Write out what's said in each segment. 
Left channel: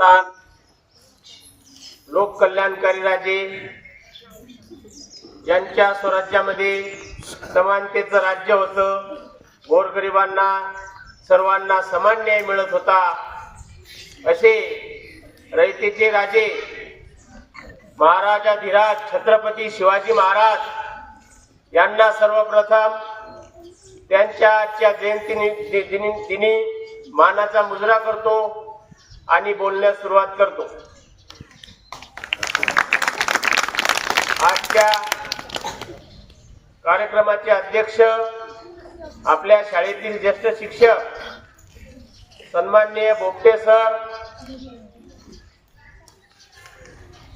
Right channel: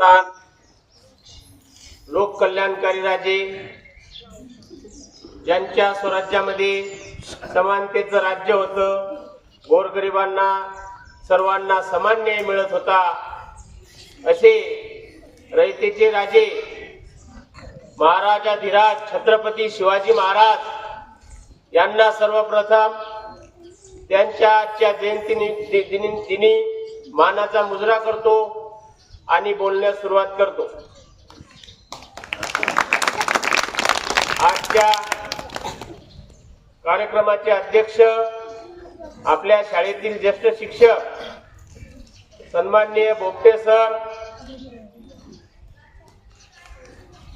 स्थान लोक कल्याणकारी राजे ज्यांच्या स्वराज्यामध्ये समानतेचं राज्य होतं गोरगरिबांना सर्वांना समान न्याय मिळत होता असे रयतेचे राजे महाराजाधिराज छत्रपती शिवाजी महाराज यांना सर्वप्रथम त्यांच्या आजच्या जयंती दिनी दिनी मानाचा मुजरा करतो. आणि बोलण्यास सुरुवात करतो. आजच्या कार्यक्रमाचे अध्यक्ष आपल्या शाळेतील ज्येष्ठ शिक्षक सन्माननीय बोपटे सर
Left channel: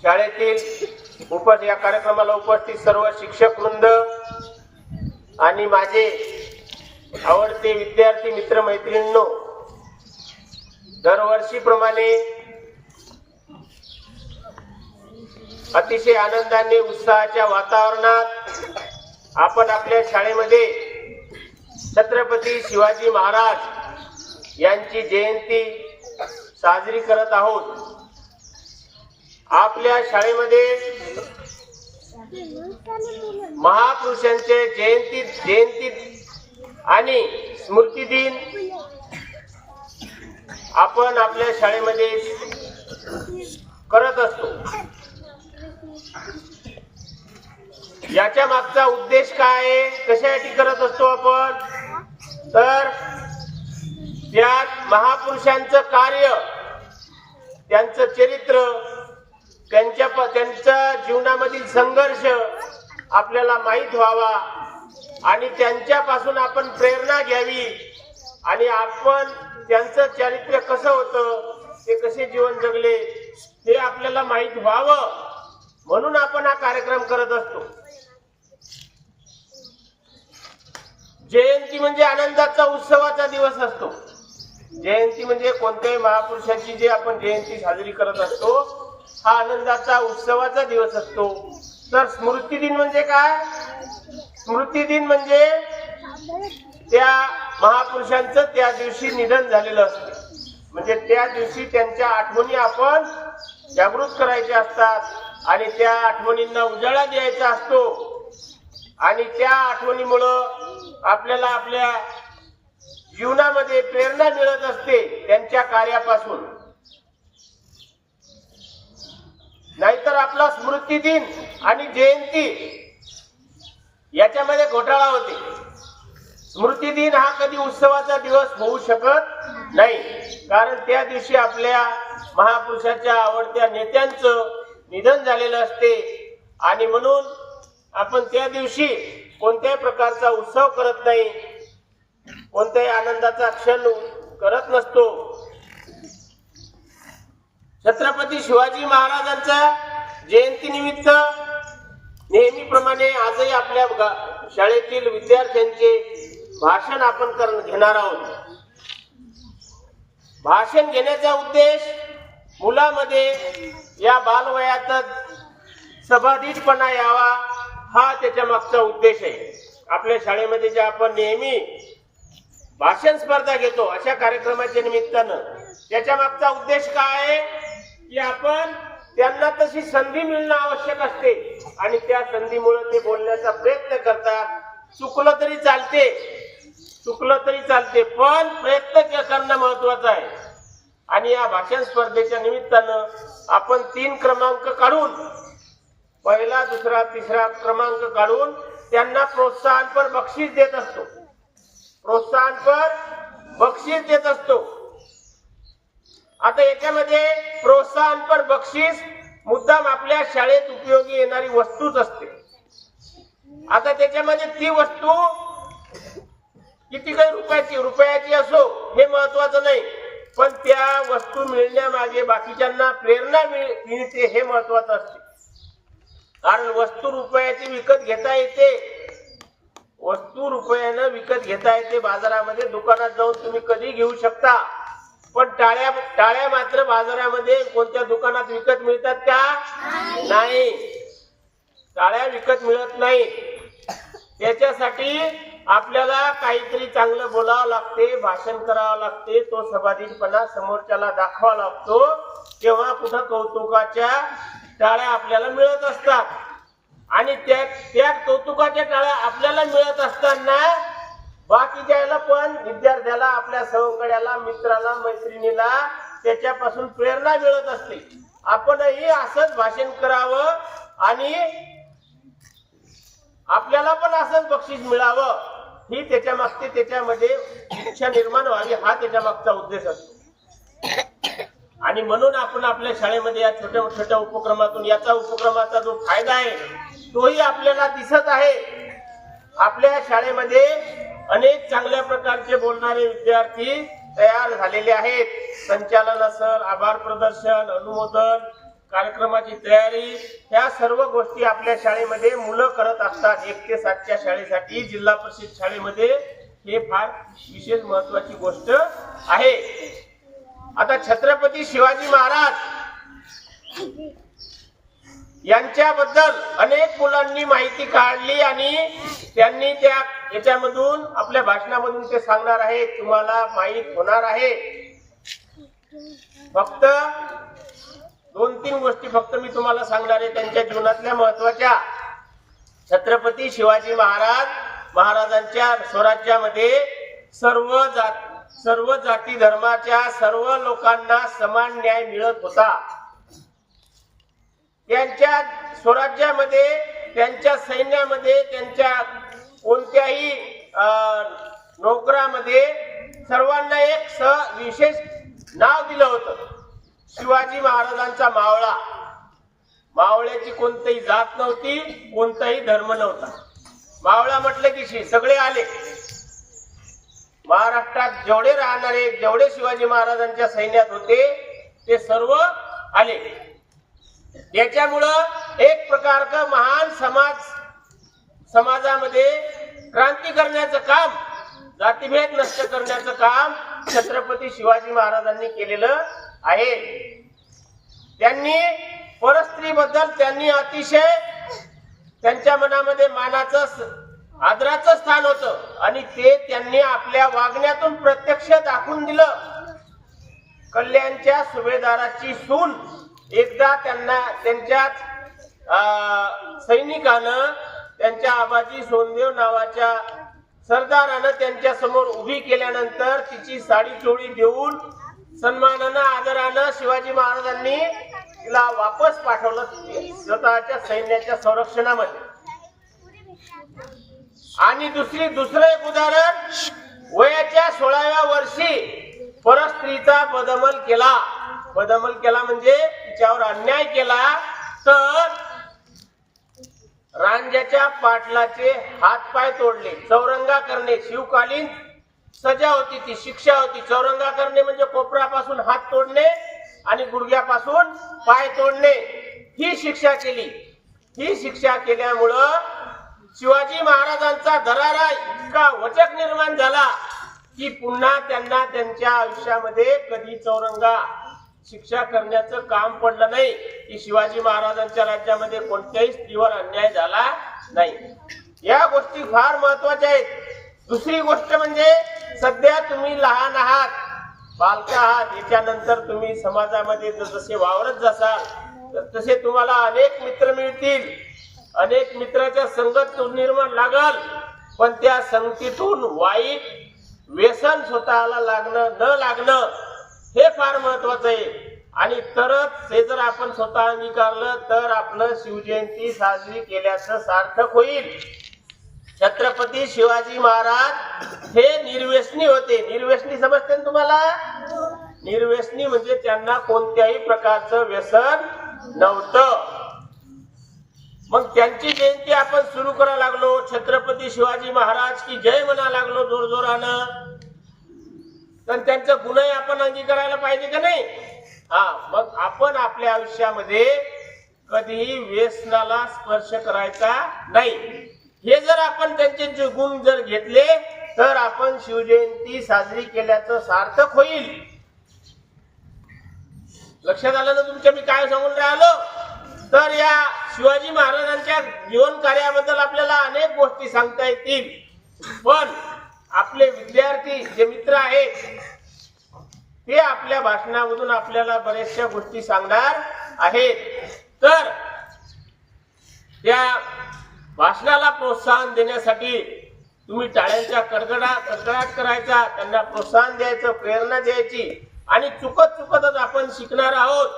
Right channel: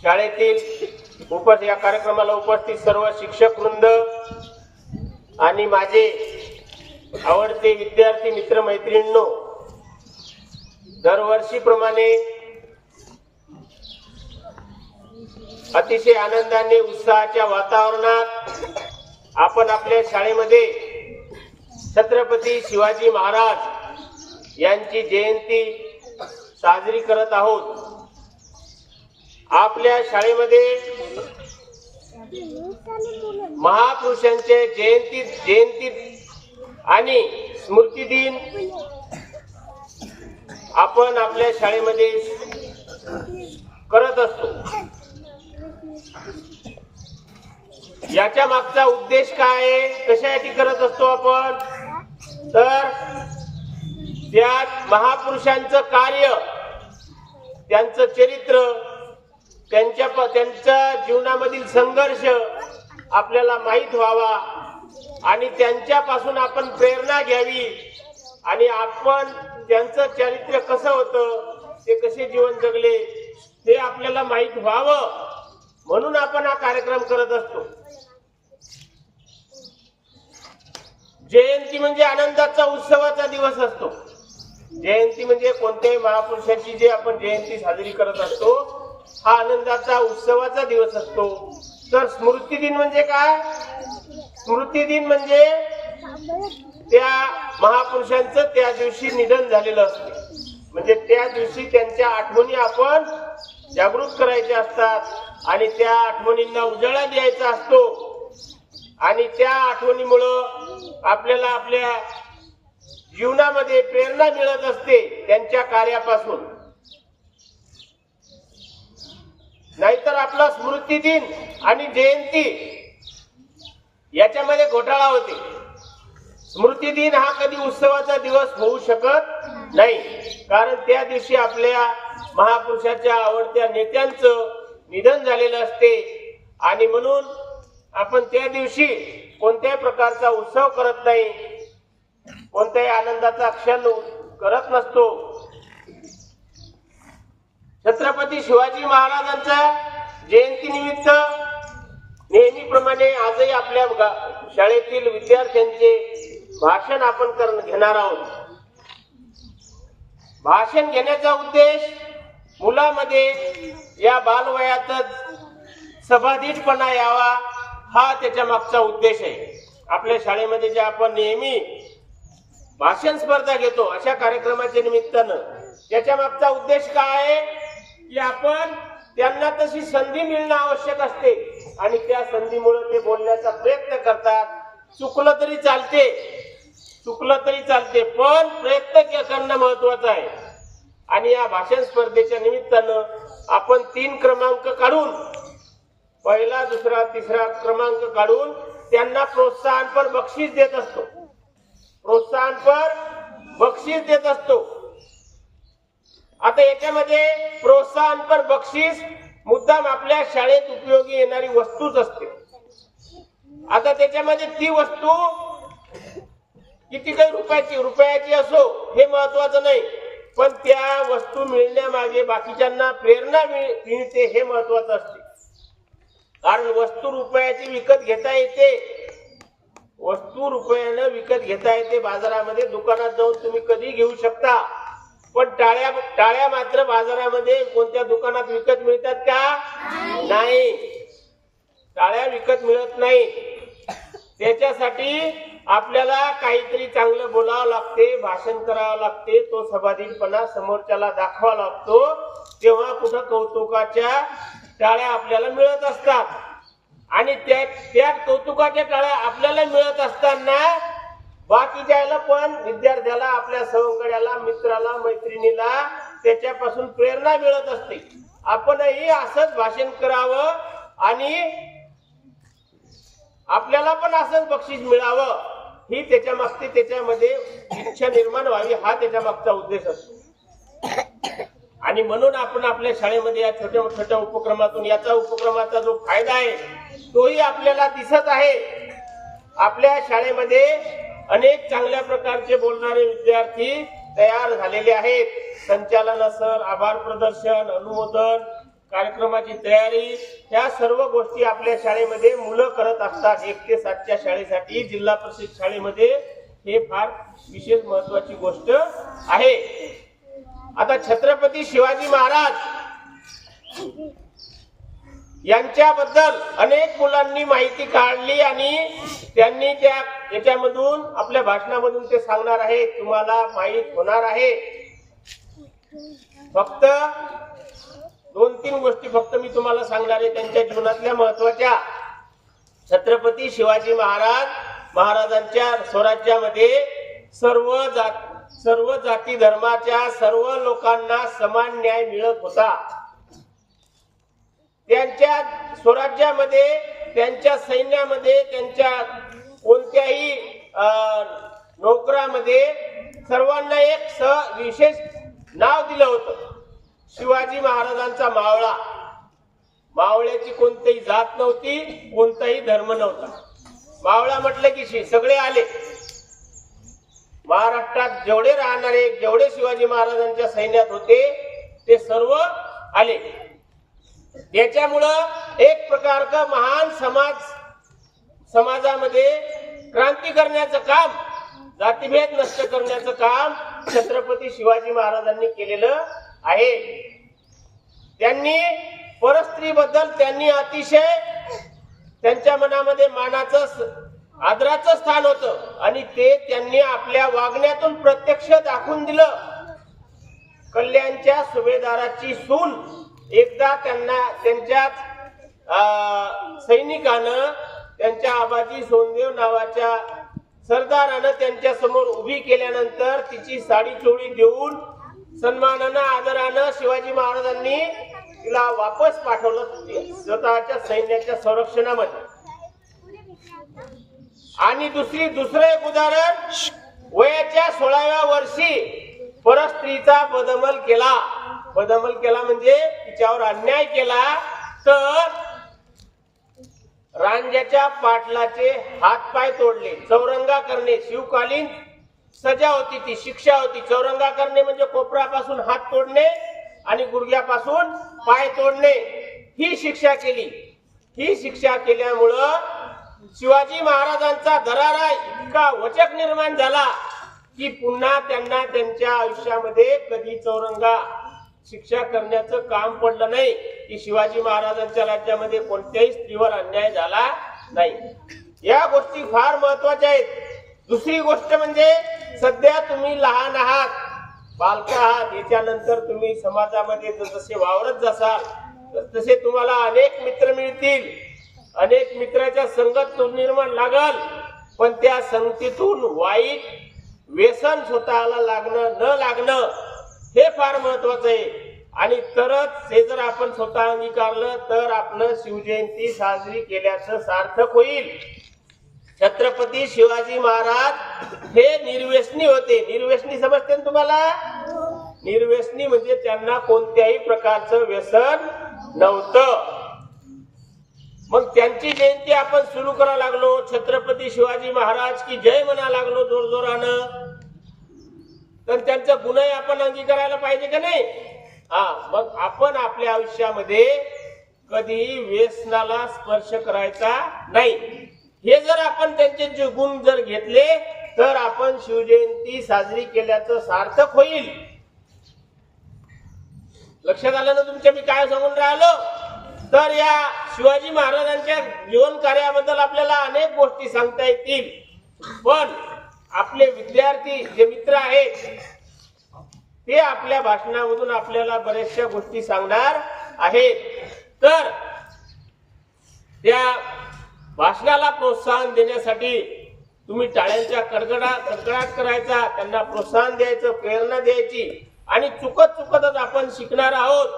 शाळेतील उप या कार्यक्रमाला उपस्थित सर्व शिक्षक वृंद आणि माझे आवडते विद्यार्थी मित्र मैत्रिणींनो दरवर्षीप्रमाणे अतिशय आनंदाने उत्साहाच्या वातावरणात आपण आपल्या शाळेमध्ये छत्रपती शिवाजी महाराज यांची जयंती साजरी करत आहोत. आपल्या शाळेमध्ये महापुरुषांचे जयंती जयंती आणि स्मृती दिन आपण आपल्या शाळेमध्ये करत असतो. याच्या मागचा उद्देश काय? आहे कशासाठी करत असतो आपण? तर त्यात महापुरुषांचं कार्य त्यांचं चरित्र त्यांच्या प- त्यांच्या जीवनामधील संघर्ष आपल्याला माहीत व्हावा आणि त्यांच्यापासून आपण प्रेरणा घ्यावी. आणि आपण त्यांचं चरित्र कसं होतं ते कसे जीवन जगले ते आपल्याला माहीत व्हावं म्हणून आपण हा कार्यक्रम करत असतो. जयंती म्हणजे आनंदाचा उत्सवाचा दिवस असतो. जयंती म्हणजे कोणत्याही महापुरुषांची जे आपण जयंती साजरी करत असतो हा आनंदाचा उत्सवाचा दिवस असतो. तर स्मृती दिन म्हणजे काय? स्मृती दिन म्हणजे त्या महापुरुषांचं त्या दिवशी निधन झालेलं असतं. म्हणजे त्या दिवशी त्यांच्या आठवणी आपण जागृत करायच्या असतात आणि त्या आठवणींना उजाळा द्यायचा असतो. आणि त्या आठवणीमुळं आपल्याला आपल्या जीवनामध्ये प्रेरणा मिळत असते त्यांच्या कार्यापासून. नाहीतर आपला स्मृती दिन आणि जयंती याच्यामध्ये घोटाळा होते. स्मृती दिन हा कधी उत्सवाचा दिवस होऊ शकत नाही. कारण त्या दिवशी आपल्या महापुरुषाच्या आवडत्या नेत्यांचं निधन झालेलं असते. आणि म्हणून आपण त्या दिवशी कोणत्याही प्रकारचा उत्सव करत नाही. कोणत्याही आनंदाचा क्षण करत नसतो. छत्रपती शिवाजी महाराजांच्या जयंती निमित्त नेहमीप्रमाणे आजही आपल्या गा- शाळेतील विद्यार्थ्यांचे भाषण आपण कर घेणार आहोत. भाषण घेण्याचा उद्देश मुलामध्ये या बालवयातच सभाधीटपणा यावा हा त्याच्या मागचा उद्देश आहे. आपल्या शाळेमध्ये जे आपण नेहमी भाषण स्पर्धा घेतो अशा कार्यक्रमाच्या निमित्तानं त्याच्या मागचा उद्देश काय आहे? की आपण त्यांना तशी संधी मिळणं आवश्यक असते आणि त्या संधीमुळे ते बोलण्याचा प्रयत्न करतात. चुकलं तरी चालते. चुकलं तरी चालते पण प्रयत्न के- करणं महत्वाचं आहे. आणि या भाषण स्पर्धेच्या निमित्तानं आपण तीन क्रमांक काढून पहिला दुसरा तिसरा क्रमांक काढून त्यांना प्रोत्साहनपर बक्षीस देत असतो. प्रोत्साहनपर बक्षीस देत असतो. आता याच्यामध्ये प्रोत्साहनपर बक्षीस मुद्दाम आपल्या शाळेत उपयोगी येणारी वस्तूच असते. आता त्याच्यामध्ये ती वस्तू किती काही रुपयाची रुपयाची असो हे महत्वाचं नाही. पण त्या वस्तू मिळण्यामागे बाकीच्यांना प्रेरणा मिळ- मिळते हे महत्वाचं असते. कारण वस्तू रुपयाची विकत घेता येते. वस्तू रुपयानं विकत घेता येते बाजारामध्ये. दुकानात जाऊन तुम्ही कधी घेऊ शकता. पण टाळ्या टाळ्या मात्र बाजारामध्ये कोणत्या दुकानात विकत मिळतात का? नाही. टाळ्या विकत मिळत नाही. त्याच्यासाठी आपल्याला काहीतरी चांगलं बोलावं लागते भाषण करावं लागते तो सभाधीनपणा समोरच्याला दाखवावा लागतो तेव्हा कुठं कौतुकाच्या टाळ्या आपल्याला मिळत असतात. आणि त्या त्या कौतुकाच्या टाळ्या आपल्याला मिळत असताना बाकीच्या पण विद्यार्थ्याला आपल्या सवंगड्याला मित्राला मैत्रिणीला त्याच्यापासून प्रेरणा मिळत असते. आपणही असंच भाषण करावं आणि आपल्याला पण असंच बक्षीस मिळावं. ही त्याच्या मागची त्याच्यामध्ये इच्छा निर्माण व्हावी हा त्याच्या मागचा उद्देश असतो. आणि म्हणून आपण आपल्या शाळेमध्ये या छोट्या छोट्या उपक्रमातून याचा उपक्रमाचा जो फायदा आहे तोही आपल्याला दिसत आहे. आपल्या शाळेमध्ये अनेक चांगल्या प्रकारचे बोलणारे विद्यार्थी तयार झालेले आहेत. संचालन असल आभार प्रदर्शन अनुमोदन कार्यक्रमाची तयारी ह्या सर्व गोष्टी आपल्या शाळेमध्ये मुलं करत असतात. एक ते सातच्या शाळेसाठी जिल्हा परिषद शाळेमध्ये हे फार विशेष महत्वाची गोष्ट आहे. आता छत्रपती शिवाजी महाराज यांच्याबद्दल अनेक मुलांनी माहिती काढली आणि त्यांनी त्या याच्यामधून आपल्या भाषणामधून ते सांगणार आहे तुम्हाला माहीत होणार आहे. फक्त दोन तीन गोष्टी फक्त मी तुम्हाला सांगणार आहे. त्यांच्या जीवनातल्या महत्त्वाच्या छत्रपती शिवाजी महाराज महाराजांच्या स्वराज्यामध्ये सर्व जात सर्व जाती धर्माच्या सर्व लोकांना समान न्याय मिळत होता. त्यांच्या स्वराज्यामध्ये त्यांच्या सैन्यामध्ये त्यांच्या कोणत्याही अं, नोकरामध्ये सर्वांना एक स विशेष नाव दिलं होतं. शिवाजी महाराजांचा मावळा. मावळ्याची कोणतीही जात नव्हती कोणताही धर्म नव्हता. मावळा म्हटलं की शि- सगळे आले. महाराष्ट्रात जेवढे राहणारे जेवढे शिवाजी महाराजांच्या सैन्यात होते ते सर्व आले. याच्यामुळं एक प्रकारचं महान समाज समाजामध्ये क्रांती करण्याचं काम जातीभेद नष्ट करण्याचं काम छत्रपती शिवाजी महाराजांनी केलेलं आहे. त्यांनी परस्त्रीबद्दल त्यांनी अतिशय त्यांच्या मनामध्ये मानाचं आदराचं स्थान होतं. आणि ते त्यांनी आपल्या वागण्यातून प्रत्यक्ष दाखवून दिलं. कल्याणच्या सुभेदाराची सून एकदा त्यांना त्यांच्याच अं, सैनिकानं त्यांच्या आबाजी सोनदेव नावाच्या सरदारानं त्यांच्यासमोर उभी केल्यानंतर तिची साडी चोळी देऊन सन्मानानं आदरानं शिवाजी महाराजांनी तिला वापस पाठवलं स्वतःच्या सैन्याच्या संरक्षणामध्ये. आणि दुसरी दुसरं एक उदाहरण वयाच्या सोळाव्या वर्षी परस्त्रीचा बदमल केला. बदमल केला म्हणजे तिच्यावर अन्याय केला तर रांजाच्या पाटलाचे हातपाय तोडले चौरंगा करणे शिवकालीन सजा होती ती शिक्षा होती. चौरंगा करणे म्हणजे कोपरापासून हात तोडणे आणि गुडघ्यापासून पाय तोडणे. ही शिक्षा केली. ही शिक्षा केल्यामुळं शिवाजी महाराजांचा दरारा इतका वचक निर्माण झाला की पुन्हा त्यांना त्यांच्या आयुष्यामध्ये कधी चौरंगा शिक्षा करण्याचं काम पडलं नाही. की शिवाजी महाराजांच्या राज्यामध्ये कोणत्याही स्त्रीवर अन्याय झाला नाही. या गोष्टी फार महत्त्वाच्या आहेत. दुसरी गोष्ट म्हणजे सध्या तुम्ही लहान आहात. बालक आहात. याच्यानंतर तुम्ही समाजामध्ये जसे वावरत जासाल तर तसे तुम्हाला अनेक मित्र मिळतील. अनेक मित्राच्या संगत निर्माण लागल. पण त्या संगतीतून वाईट व्यसन स्वतःला लागणं न लागणं हे फार महत्वाचं आहे. आणि तरच हे जर आपण स्वतः अंगीकारलं तर आपलं शिवजयंती साजरी केल्याचं सार्थक होईल. छत्रपती शिवाजी महाराज हे निर्व्यसनी होते. निर्व्यसनी समजते ना तुम्हाला? निर्व्यसनी म्हणजे त्यांना कोणत्याही प्रकारचं व्यसन नव्हतं. मग त्यांची जयंती आपण सुरू करा लागलो. छत्रपती शिवाजी महाराज की जय म्हणा लागलो जोरजोरानं. तर त्यांचं गुणही आपण अंगीकारायला पाहिजे का नाही? हा मग आपण आपल्या आयुष्यामध्ये कधीही व्यसनाला स्पर्श करायचा नाही. हे जर आपण त्यांचे जे गुण जर घेतले तर आपण शिवजयंती साजरी केल्याचं सार्थक होईल. लक्षात आलं ना तुमच्या? मी काय सांगून राहिलो? तर या शिवाजी महाराजांच्या जीवन कार्याबद्दल आपल्याला अनेक गोष्टी सांगता येतील. पण आपले विद्यार्थी जे मित्र आहेत ते आपल्या भाषणामधून आपल्याला बऱ्याचशा गोष्टी सांगणार आहेत. तर त्या भाषणाला प्रोत्साहन देण्यासाठी तुम्ही टाळ्यांच्या कडकडा कडकडाट करायचा त्यांना प्रोत्साहन द्यायचं प्रेरणा द्यायची. आणि चुकत चुकतच आपण शिकणार आहोत.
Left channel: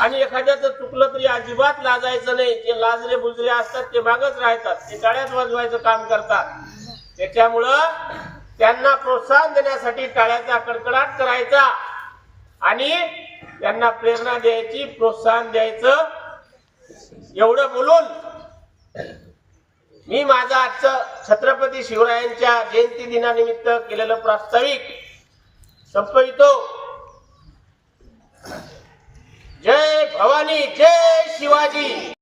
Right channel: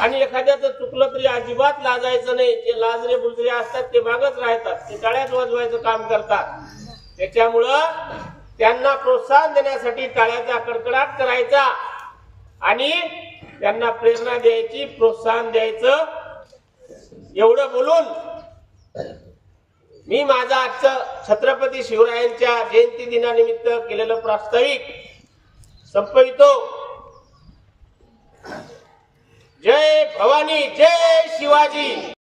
आणि एखाद्याचं चुकलं तरी अजिबात लाजायचं नाही. ते लाजरे बुजरे असतात ते मागच राहतात. ते टाळ्यात वाजवायचं काम करतात. त्याच्यामुळं त्यांना प्रोत्साहन देण्यासाठी टाळ्याचा कडकडाट करायचा. आणि त्यांना प्रेरणा द्यायची प्रोत्साहन द्यायचं. एवढं बोलून मी माझं आजचं छत्रपती शिवरायांच्या जयंती दिनानिमित्त केलेलं प्रास्ताविक संपवितो. जय भवानी जय शिवाजी.